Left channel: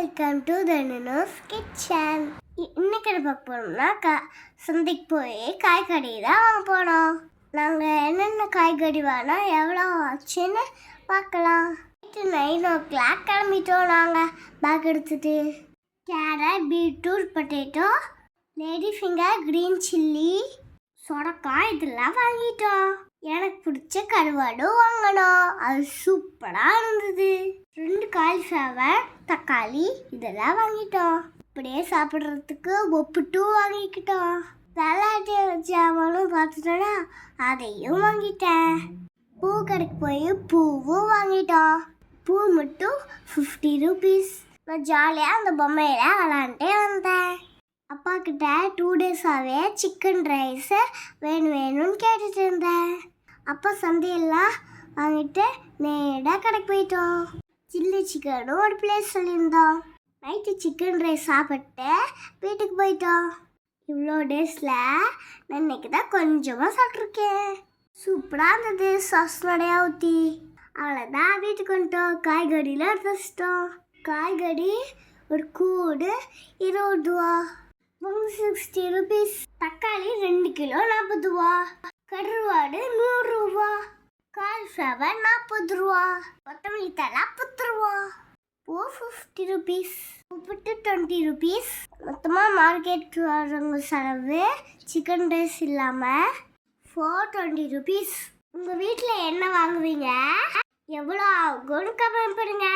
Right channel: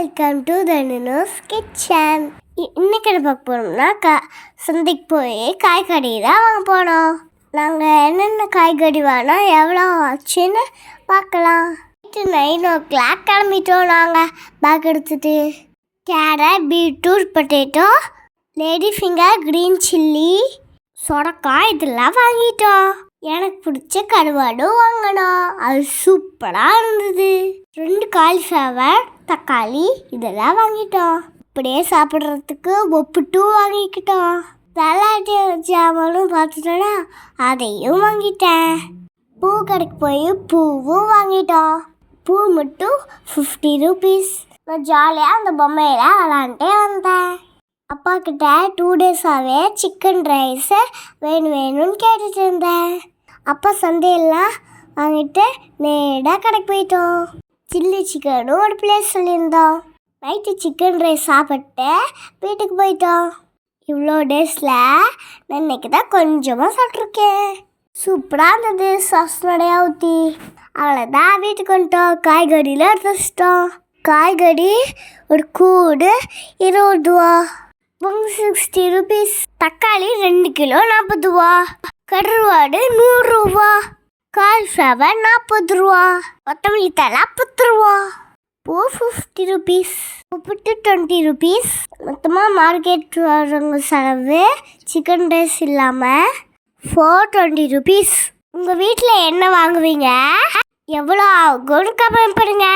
Welcome to Dhanush kitchen. இன்னைக்கு என்ன பார்க்க போகிறோம்னா சந்தைக்கு போய் காய்கறி தான் வாங்க போனோம். நாங்கள் என்னென்ன காய்கறி வாங்கினா எவ்வளோ ஆச்சுன்னு பார்க்கலாம். 9 o'clock கிளம்பிட்டோம். நாங்கள் பேக் எடுத்துகிட்டு carrot, beetroot, potato, lady finger, green chilli, சொரக்காய் இதெல்லாம் வாங்கிட்டோம். எனக்கு பிடிச்ச கருவாடு வாங்கினோம். அது சூப்பராக இருந்தது. 2 காலிஃப்ளவர், தக்காளி இதெல்லாம் வாங்கிட்டோம். இப்படியே சாப்பிட்றதுக்கு ஒப்புட்டு வாங்கிக்கிட்டோம். தலாட்டி ஜாமானும் பார்த்துட்டோன்னா அதையும் வாங்கிட்டேன். பூ கடைக்கு போய் பூவும் வாங்கிட்டோம். பூ மட்டும் 50 rupees. நான் ஜாலியாக அந்த பொம்மையில் விளாண்டே வந்தேன். அப்பா கிட்ட 2 days-ஆகவே சிக்கன் ரைஸ் வேணும்னு கேட்டுட்டு இருந்தேன். அப்பா சந்தையெல்லாம் வாங்கிட்டு நேராக கடைக்கு போயிட்டோம். சில்லி சிக்கனும் ஒரு பிளேஸ் சொல்லியிருந்தோம். நைட்டு சிக்கன் ரைஸ் சாப்பிட்டு வீட்டுக்கு போயிட்டோம். இவ்வளோ டேஸில் நான் இன்னைக்கு தான் கொஞ்சமாக சாப்பிட்ருக்கேன். சூப்பராக இருந்தது. சாஸ் நிறையா ஊற்றி அவ்வளோதான் வீட்டுக்கு வந்துட்டோம். காய்கறியில் எடுத்து வச்சிட்டோம். காய்கறி ஒரு கூடு 20 ரூபா, 60 rupees. தக்காளி 2 கிலோ 40 ரூபா, கருவாடு 100 ரூபா, காலிஃப்ளவர் 40 ரூபா, கொத்தமல்லி தழை 10 ரூபா, பூ 50 rupees, உப்புட்டு 20 rupees. மொத்தமாக மார்க்கெட் வரவங்க செலவு சிக்கன் ரைஸ் இல்லாமல் 420 rupees. உங்கள் வீட்டில் என்ன வாங்குவீங்க, எவ்வளோ ஆகும்னு கமெண்ட் பண்ணுங்க.